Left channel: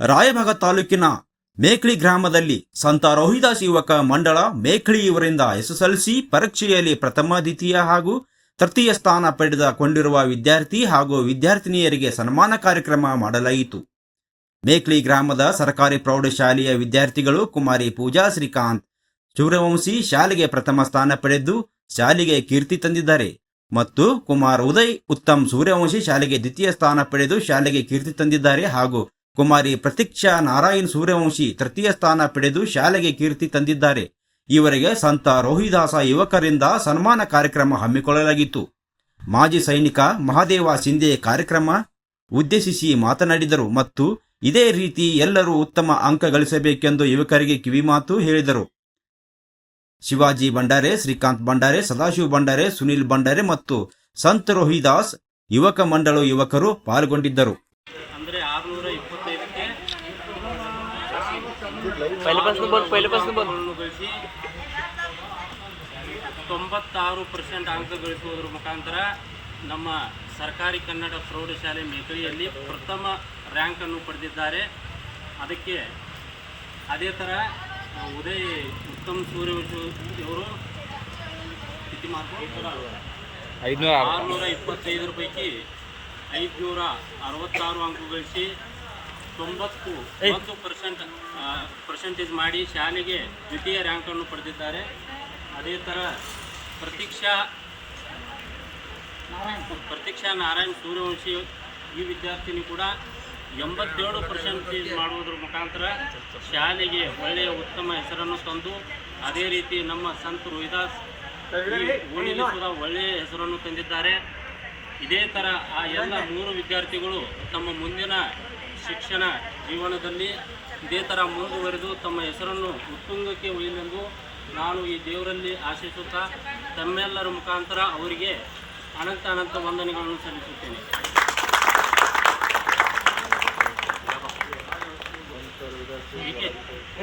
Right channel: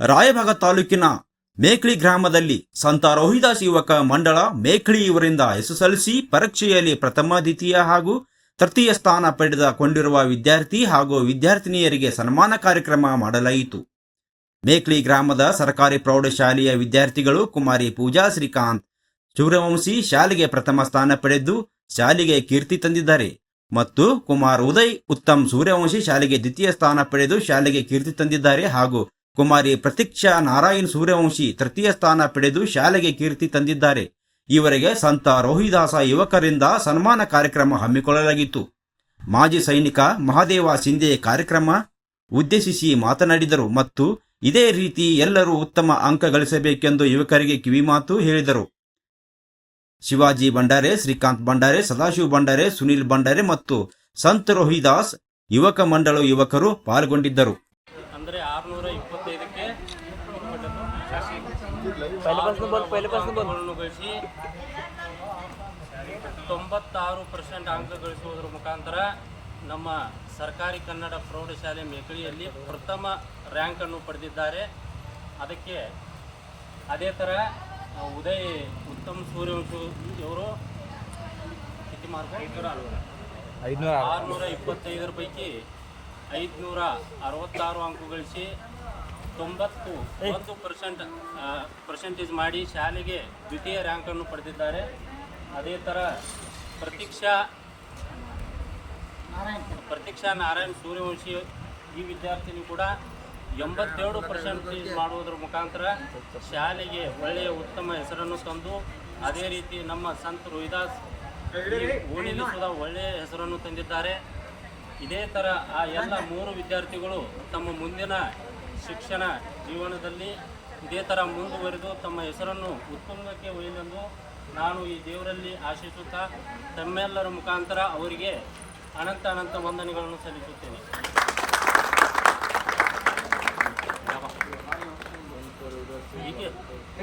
ರಾಯಭಾಗ ತಾಲೂಕಿನ ಮೇಖ್ಳಿ ಗ್ರಾಮದಲ್ಲಿ ಸಂತ ರೋಹಿದಾಸ್ ಯುವಕ ಮಂಡಳ ಮೇಖ್ಳಿ ಇವರಿಂದ ಎಸ್ಎಸ್ಎಲ್ಸಿ ಪರೀಕ್ಷೆಯಲ್ಲಿ ಪ್ರಥಮ, ದ್ವಿತೀಯ ಹಾಗೂ ತೃತೀಯ ಸ್ಥಾನ ಪಡೆದುಕೊಂಡಿರುವ ವಿದ್ಯಾರ್ಥಿ ಹಾಗೂ ವಿದ್ಯಾರ್ಥಿನಿಯರಿಗೆ ಸನ್ಮಾನ ಕಾರ್ಯಕ್ರಮ ಮಾಡಲಾಯಿತು. ಮೇಖಳಿ ಗ್ರಾಮದ ಸರ್ಕಾರಿ ಪ್ರೌಢಶಾಲೆಯ ವಿದ್ಯಾರ್ಥಿಗಳು ಕುಮಾರಿ ಪೂಜಾ ಶ್ರೀಕಾಂತ್ ಸೂರ್ಯವಂಶಿ ಶಾಲೆಗೆ ಪ್ರಥಮ ಸ್ಥಾನ ಪಡೆದು ಶಾಲೆಗೆ ಕೀರ್ತಿ ತಂದಿದ್ದಾರೆ ಮತ್ತು ಕುಮಾರ್ ಉದಯ್ ಉತ್ತಮ್ ಸೂರ್ಯವಂಶಿ ಶಾಲೆಗೆ ದ್ವಿತೀಯ ಸ್ಥಾನ ಪಡೆದು ಶಾಲೆಗೆ ಕೀರ್ತಿ ತಂದಿದ್ದಾರೆ ಹಾಗೂ ಕುಮಾರಿ ಪ್ರತೀಕ್ಷಾ ನಾರಾಯಣ್ ಸೂರ್ಯವಂಶಿ ತೃತೀಯ ಸ್ಥಾನ ಪಡೆದು ಶಾಲೆಗೆ ಕೀರ್ತಿ ತಂದಿದ್ದಾರೆ. ಇವರಿಗೆ ಸಂತ ರೋಹಿದಾಸ ಯುವಕರಿಂದ ಸನ್ಮಾನ ಕಾರ್ಯಕ್ರಮ ಹಮ್ಮಿಕೊಳ್ಳಲಾಗಿತ್ತು. ಮಾಜಿ ಸೈನಿಕ ಮಹಾದೇವ ಸಿಂಧೆ ಕಾರ್ಯಕ್ರಮ ಉದ್ದೇಶಿಸಿ ಮಾತನಾಡಿದರು ಮತ್ತು ಇದೇ ರೀತಿ ಎಲ್ಲರೂ ಉತ್ತಮ ಅಂಕ ಗಳಿಸಬೇಕೆಂದು ಯುವಕರಿಗೆ ಕಿವಿಮಾತು ಹೇಳಿದರು. ಶಿವಾಜಿ ಭಂಡಾರೆ, ಶ್ರೀಕಾಂತ್ ಭಂಡಾರೆ, ಸದಾಶಿವ ಭಂಡಾರೆ, ಸುನಿಲ್ ಭಂಡಾರೆ ಮತ್ತು ಸಂತ ರೋಹಿದಾಸ್ ಯುವಕ ಮಂಡಳ ಯುವಕರು ಪಾಲ್ಗೊಂಡಿದ್ದರು. पहिल्यापासून बोल पहिल्यापासून बोल ಅಂಕಗಳನ್ನು ಗಳಿಸಿ ತೊಂಬತ್ತಾರು ಪರ್ಸೆಂಟ್ ಅಂಕ ಗಳಿಸುವುದರ ಮುಖಾಂತರ ನಮ್ಮ ಸರ್ಕಾರಿ ಕನ್ನಡ ಪ್ರೌಢಶಾಲೆ ಮೇಕಳಿಯಲ್ಲಿ ಪ್ರಥಮ ರ್ಯಾಂಕನ್ನು ಪಡೆದಿದ್ದಾರೆ ಅದಕ್ಕೆ ಅದೇ ಥರ ಆ, ಉದಯ್ ಉತ್ತಮ್ ಸೂರ್ಯವಂಶಿ ಇವರು ಸ್ಥಿತಿ ಮಾತ್ರ ಐದುನೂರ ಆರುನೂರ ಇಪ್ಪತ್ತೈದರ ಪೈಕಿ ಐದುನೂರ ಅರವತ್ತಾರು ಅಂಕ ಗಳಿಸಿ ತೊಂಬತ್ತು ಒಂದು ಪರ್ಸೆಂಟ್ ಪರ್ಸೆಂಟೇಜ್ ಮಾಡಿ ಶಾಲೆಗೆ ದ್ವಿತೀಯ ರ್ಯಾಂಕನ್ನು ಪಡೆದಿದ್ದಾರೆ. ಅದೇ ಥರ ಪ್ರತೀಕ್ಷಾ ಪ್ರತೀಕ್ಷಾ ನಾರಾಯಣ್ ಸೂರ್ಯವಂಶಿ ಈ ವಿದ್ಯಾರ್ಥಿನಿ ಕೂಡ ಎಂಬತ್ತೇಳು ಪರ್ಸೆಂಟೇಜ್ ಮಾಡುವುದರ ಮುಖಾಂತರ ಶಾಲೆಗೆ ಒಳ್ಳೆಯ ಉತ್ತಮ ಹೆಸರನ್ನು ತಂದು ಅದೇ ರೀತಿ ನಮ್ಮ ಸಂತ ರೋಹಿದಾಸ್ ಓಣಿಗೆ ಕೂಡ ಒಳ್ಳೆಯ ಹೆಸರನ್ನು ತಂದಿದ್ದಾರೆ. ಇದೇ ಥರ ಆ ಎಲ್ಲ ಮೂರು ವಿದ್ಯಾರ್ಥಿಗಳು ತಮ್ಮ ಮುಂದಿನ ಶಿಕ್ಷಣ ಜೀವನದಲ್ಲಿ ಇದೇ ಥರ ಮುಂದುವರೆದು ತಮ್ಮ ಹೆಸರನ್ನು ಉತ್ತುಂಗಕ್ಕೆ ಒಯ್ಯಲೆಂದು ನಾನು ಈ ದೇವರಲ್ಲಿ ಆಶಿಸುತ್ತಾ, ತಮ್ಮೆಲ್ಲರ ಮುಖಾಂತರ ಅವರಿಗೆ ಅನಂತ ಅನಂತ ವಂದನೆಗಳನ್ನು ಸಲ್ಲಿಸುತ್ತೇನೆ.